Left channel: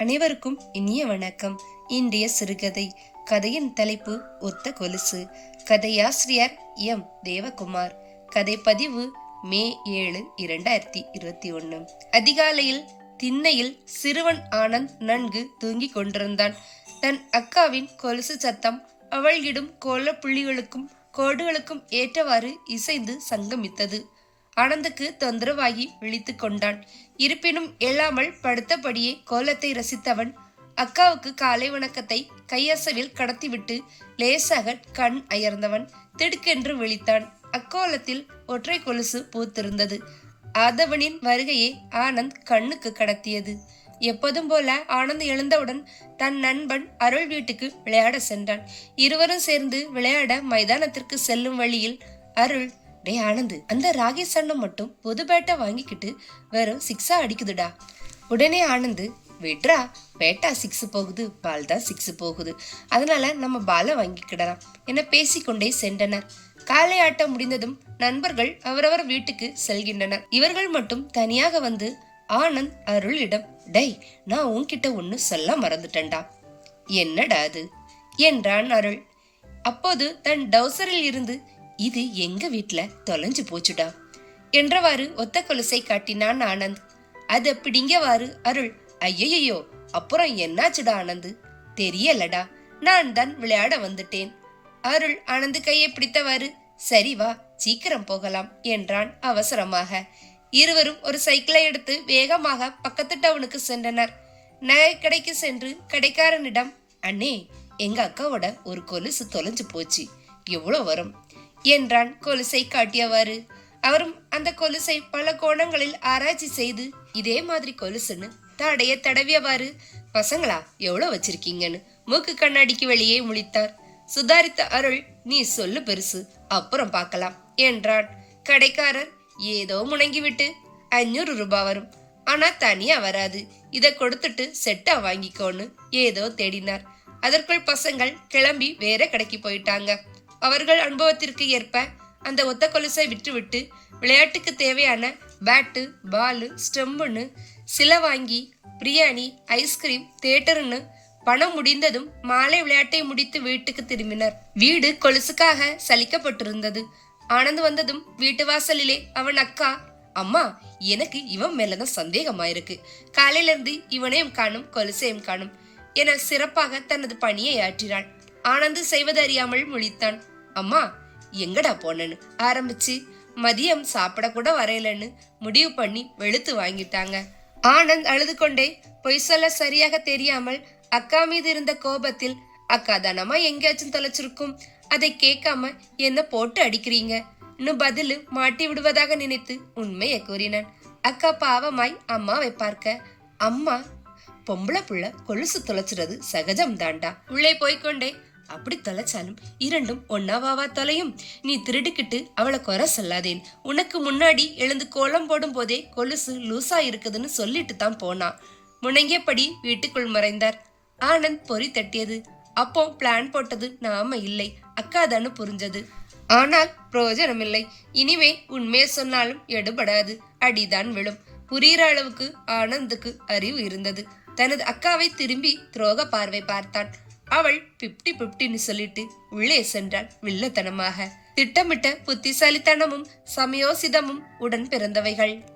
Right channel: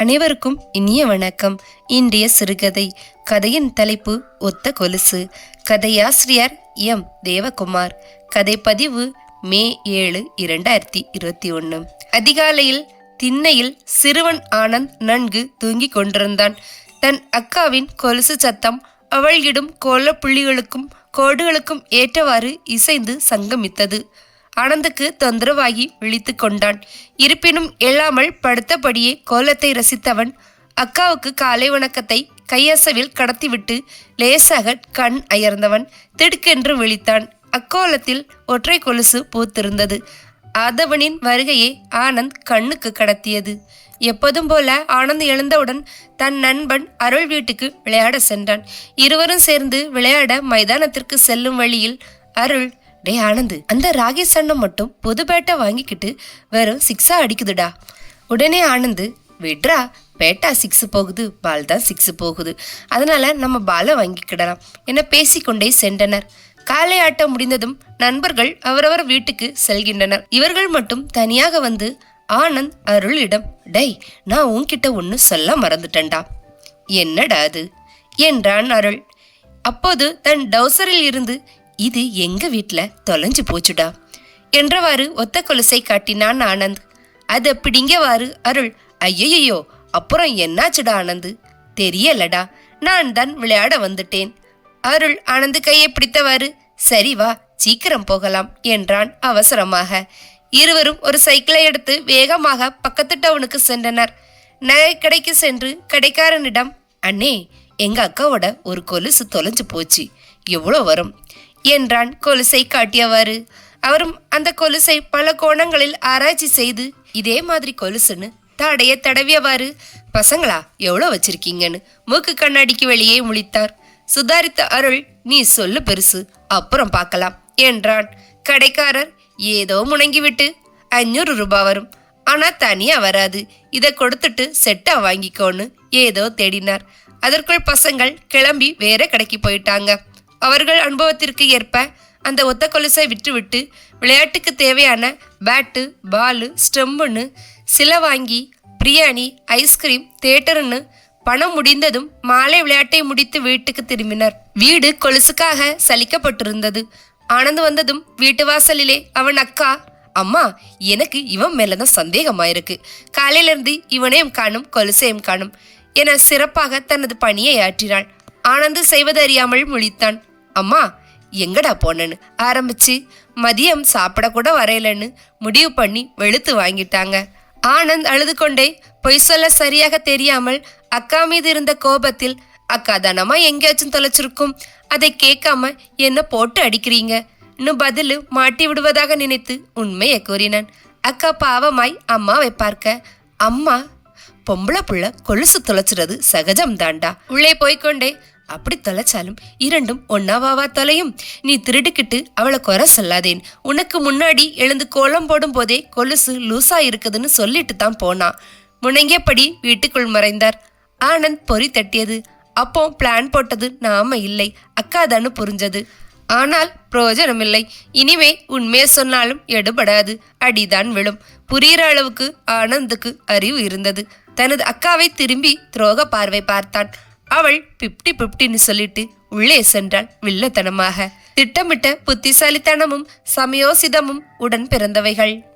அனைவருக்கும் இனிய வணக்கம். இன்றைய சிறுகதை கதையின் தலைப்பு ஒத்த கொலுசு. கதையாசிரியர் எம். தேவகுமார். கதை பதிவு மே ஏழு இரண்டாயிரத்தி இருபத்தி ஒன்று அதிகாலையில் திண்ணையில் சிறுவன் ஆனந்த் நன்கு தூங்கிக் கொண்டிருந்தான். தன் அக்காவின் கொலுசு சத்தம் அவள் இடும் கோலப்புள்ளிகளுக்கும் கோடுகளுக்கும் ஏற்றவாறு இசைந்து சங்கமித்தது. ஆனந்துக்கு தொந்தரவாகி விழித்து கொண்டான் இருப்பினும் எழாமல் படுத்தபடியே கோலத்தை ரசித்தவன் அக்காவுக்கு காலை வணக்கத்தை கையசவில் கடத்திவிட்டு லேசாக கண் அயர்ந்தவன் திடுக்கென்று விழித்தான். அக்கோலத்தில் ஒற்றை கொலுசு பூத்திருந்தது. ஆதவனின் வருகையை ஆனந்த் கண்ணுக்கு கடத்தியது. எப்போதும் போல ஆனந்த் எழுந்தவுடன் தன் நண்பன் அருள் வீட்டுக்கு விளையாட சென்றான். இருவரும் சேர்ந்து விளையாட மைதானத்திற்கு செல்லும் வழியில் அருள் டே ஆனந்து அந்த ராகி சண்ணம் மட்டும் புது பேட்டை வாங்கிக்கிட்டு வெறும் சிக்ஸா அடிக்குதுடா. உடனே ஆனந்து விட்ரா பேட்டா சிக்ஸ் போகுது பால் தான் சிக்ஸ் போகுது. அதனால நம்ம பாலை வாங்கிக்கிடலாம் என பேசிக்கொண்டே சென்றனர். காலை ஆட்டம் முடிந்ததும் நண்பர்கள் அவரவர் வீட்டுக்கு செல்கின்றனர். இவர்கள் மட்டும் தனியாக வந்து ஆனந்த் அருளிடம் டேய் நான் உன்கிட்ட ஒன்று சொல்ல மறந்துட்டேன்டா. என்னடா அது? என்றான் அருள். அப்போது தன் டவுசரில் இருந்து இது எங்க வீட்ல தொலைஞ்சு போச்சுடா என்றவாறு ஒத்த கொலுசை காட்டினான் ஆனந்த். அதை பிடிங்கவாறு அருள். ஐயையோ அப்புறம் என்னாச்சுடா ஆனந்த்? தெரியலடா நான் தான் விளையாட வந்துட்டேன். அருள் ஆனந்த் கையை பிடித்தவாறு. சரி வா சீக்கிரம் போகலாம் என்றான் அவசரமாக. இருவரும் ஒரு சைக்கிளை எடுத்து வேகமாக பக்கத்து டவுனுக்கு சென்றனர். நகை கடைக்கு சென்று கடைக்காரனிடம் அண்ணே எங்க அக்காவோட ஒரு கொலுசு தொலைஞ்சு போச்சு. எவ்வளோ வரும்? என்றான் கொலுசை காட்டியவாறு. அவரும் அந்த கொலுசை பல கோணங்களில் ஆராய்ச்சி செய்து இதே மாதிரி கொலுசுன்னு தாடைய தடவியவாறு பசங்களா எவ்வளோ வச்சிருக்கீங்கன்னு? மூக்கு கண்ணாடிக்கு வெளியே முழித்தார். சுதாரித்த அருள் நீ சொல்லு பெருசு அப்புறம் பார்க்கலாம் என்றான். கடைக்காரர் ஏதோ முணங்கிவிட்டு அஞ்சூறு ரூபாய் வரும். ஆனா தனியா வராது. இதை கொடுத்துட்டு செட்டா வாங்கிக்கோன்னு ஏதோ தேடினார். அதற்குள் பசங்கள் கிளம்பி வேற கடைக்கு போயிட்டாங்க. அவர்கள் அனுபவத்திற்கு ஏற்ப அந்த ஒத்த கொலுசை விட்டுவிட்டு விளையாட்டுக்கு தேவையான பேட்டு பாலு ஸ்டெம்புன்னு சில வாங்கி பிரியாணி ஐஸ்கிரீம் தேட்டருன்னு பணம் முடிந்ததும் மாலை விளையாட்டை முடித்து வீட்டுக்கு திரும்பினர். வீடு கொலுசுக்காக சலிக்கப்பட்டிருந்தது. ஆனந்த் வந்ததும் வீட்டு வாசலிலே அவன் அக்கா அம்மா எனக்கு இவன் மேலதான் சந்தேகமாயிருக்கு. காலையிலிருந்து இவனையும் காணும் கொலுசையும் காணும் என சிறப்பாக தனது பணியை ஆற்றினாள். ஆனந்து செய்வது அறியாமல் முழித்தான். அம்மா எங்கடா போனேன்னு? ஆரம்பிச்சு. மதியம் சாப்பிட கூட வரையலன்னு முடிவு பண்ணி வெளுத்து வாங்கிட்டாங்க. ஆனந்த் அழுது கொண்டே பொய் சொல்ல சரியாக தெரியாமல் அக்கா மீது இருந்த கோபத்தில் அக்கா தானம்மா எங்கேயாச்சும் தொலைச்சிருக்கும்? அதை கேட்காம என்ன போட்டு அடிக்கிறீங்க? இன்னும் பதிலு மாட்டி விடுவதாக நினைத்து உண்மையை கூறினான். அக்கா பாவமாய் அம்மாவை பார்க்க. அம்மா பொம்பளை புள்ள கொலுசு தொலைச்சிறது சகஜம் தாண்டா. உள்ளே போய்க்கொண்டே அப்படி தொலைச்சாலும் இரண்டும் ஒன்னாவாவா தொலையும்? நீ திருடுக்கிட்டு அவளை குறை சொல்லாதேன். உனக்கு முன்னாடி எழுந்து கோலம் போடும் போதே கொலுசு லூசா இருக்குதுன்னு சொல்லிட்டு தான் போனான் முணங்கியபடி வீட்டுக்குள் மறைந்தார். ஆனந்த் பொறி தட்டியது. அப்போ பிளான் போட்டது நாம இல்லை. அக்காதான்னு புரிஞ்சது. ஆனால் பிரயோஜனமில்லை இனிமே உண்மையை சொன்னாலும் எடுபடாது. அடிதான் விழும். புரியிற அளவுக்கு ஆனந்துக்கு அறிவு இருந்தது. தனது அக்காவை திரும்பி துரோக பார்வை பார்த்தான். அவள் பிப்டி பிப்டின்னு சொல்லிட்டு உள்ளே சென்றாள் வில்லத்தனமாக. திட்டமிட்ட புத்திசாலித்தனமும் சமயோசிதமும் உடன் பிறந்தவைகள்.